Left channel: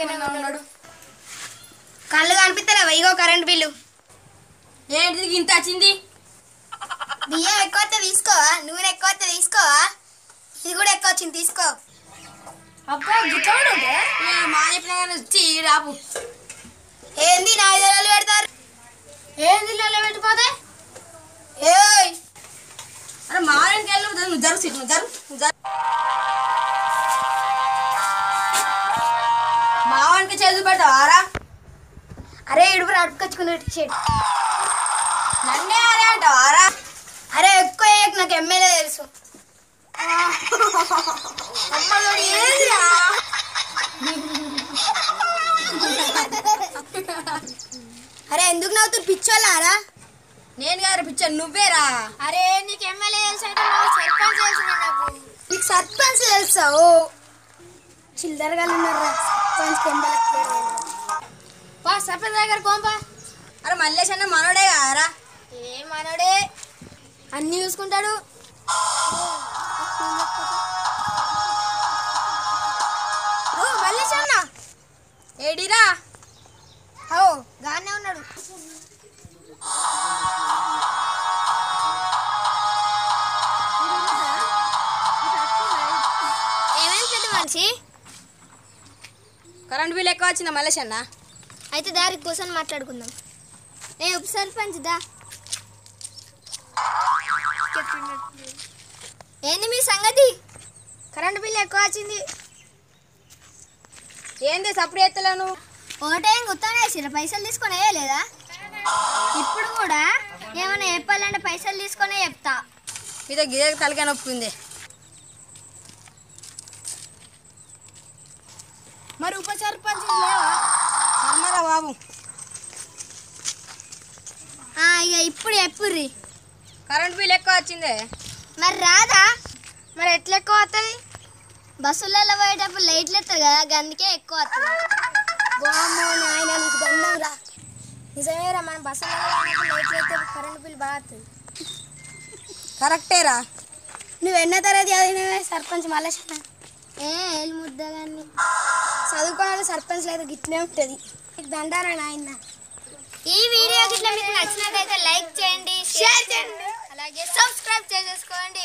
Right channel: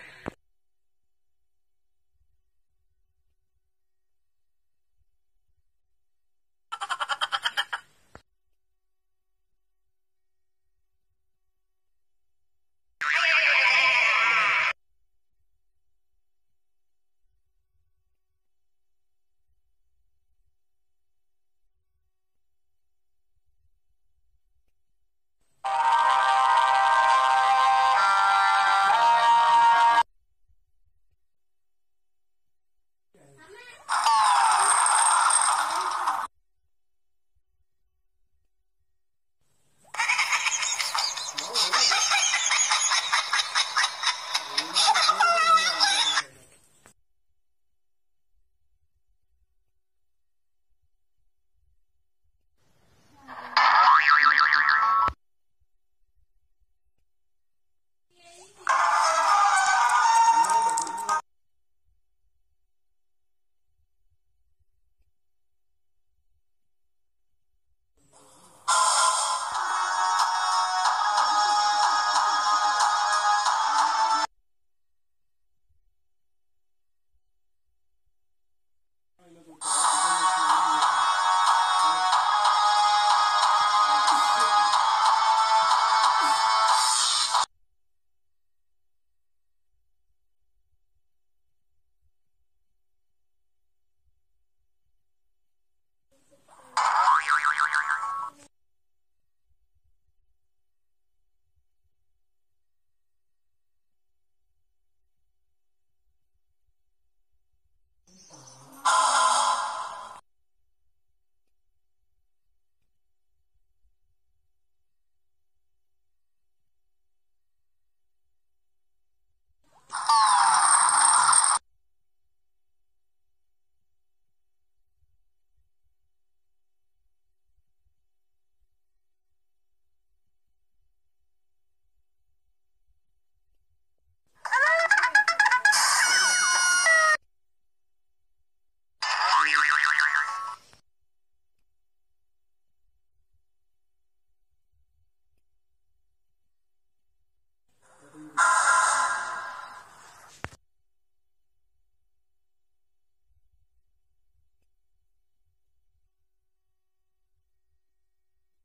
లెక్కనే ఉన్నాడు. కళ్ళు కనిపిస్తలేవా? ఇగో కరెంట్ బిల్లు. ఏంటిది ఇంత వచ్చింది? బియ్యం ఎక్కువ వస్తే తీసుకోవా, నూనె ఎక్కువ వస్తే తీసుకోవా, ఇది కూడా ఎక్కువ వచ్చింది తీసుకో. అబ్బా మా చెప్పిన రాపు. ఏంది 4 నెలలు పెడతారు? ఏంది నెల పెట్టిపోతే? ఏయ్ అరే మావానికి వెళ్ళి నువ్వు జరుగు నువ్వు జరుగు మావానికి చేతులు పెట్టావారా? అరే ఇడుపు అడుపుకొచ్చుకుని షర్ట్. నన్నే అరే అంటావారా? అరే ఎక్కువ నాకు ఎమ్మెల్యే తెలుసు. అరే ఎందుకు నవ్వుతూ పిచ్చోళ్ళారా? నేను గారు పిచ్చాను నువ్వేరా. అరే నీకు ఎమ్మెల్యే తెలుసు, నీకు సర్పంచ్ తెలుసా? ఓ చిల్లరగా సర్పంచ్ దగ్గర కోంపా. అరే మల్లేష్ అన్న మనోడే కదరా? ఏ మనోడే, అన్ని చూసుకుంటాడు. మల్లేష్ అన్న ఏడిరా? ఓ గానే ఉన్నాడు. మనిషి కరెంట్ బిల్ ఎక్కువ వచ్చిందా మల్లేష్ అన్న? అయితే దారి కూర్చొని మాట్లాడుకుందాం. ఏ ఉప సర్పంచ్ దా. ఏంది మీ సంగతి? కరెంట్ బిల్ ఎక్కువ వచ్చింది. ఏంది సప్పుడు ఎత్తలేను? ఒకటే గుర్తానేసిరా, పైసలు తీసుకొని వేయలేదా? ఇప్పుడు కూడా ఏమైనా చెప్పాలంటే పైసలు తీసుకొనే చెప్తా. మీద గిదే తలకాయ నొప్పి ఉంది. మరి ఉప సర్పంచ్ బాబు ఇక ఇప్పుడు చెప్పుర్రి. కరెంట్ బిల్ ఎక్కువ వచ్చిందే. మరి రాదా? మరి ఎట్లా ఎక్కువ వస్తుంది? బస్సులలో పోయేటప్పుడు లైట్లు ఎత్తారు కదా, అందుకే ఎక్కువ వస్తుంది. నిజమేరా, మన బస్సులలో లైట్లు ఎత్తే కరెంట్ బిల్ బాగా వస్తుంది. కరెక్టేరా. నువ్వు ఎన్నో తరగతి చదివినవే సర్పంచ్ మల్లేష్ అన్న? ఏళ్ళు ముద్ద కానీ చదువుకోవాలి. సర్పంచ్ అయితే గిట్లే ఉంటుంది. దండారా నాయన. ఈ వీడియో గిట్లా మీకు నచ్చినట్లయితే లైక్ చేయండి, షేర్ చేయండి, అలాగే సబ్స్క్రైబ్ చేసేసుకోండి.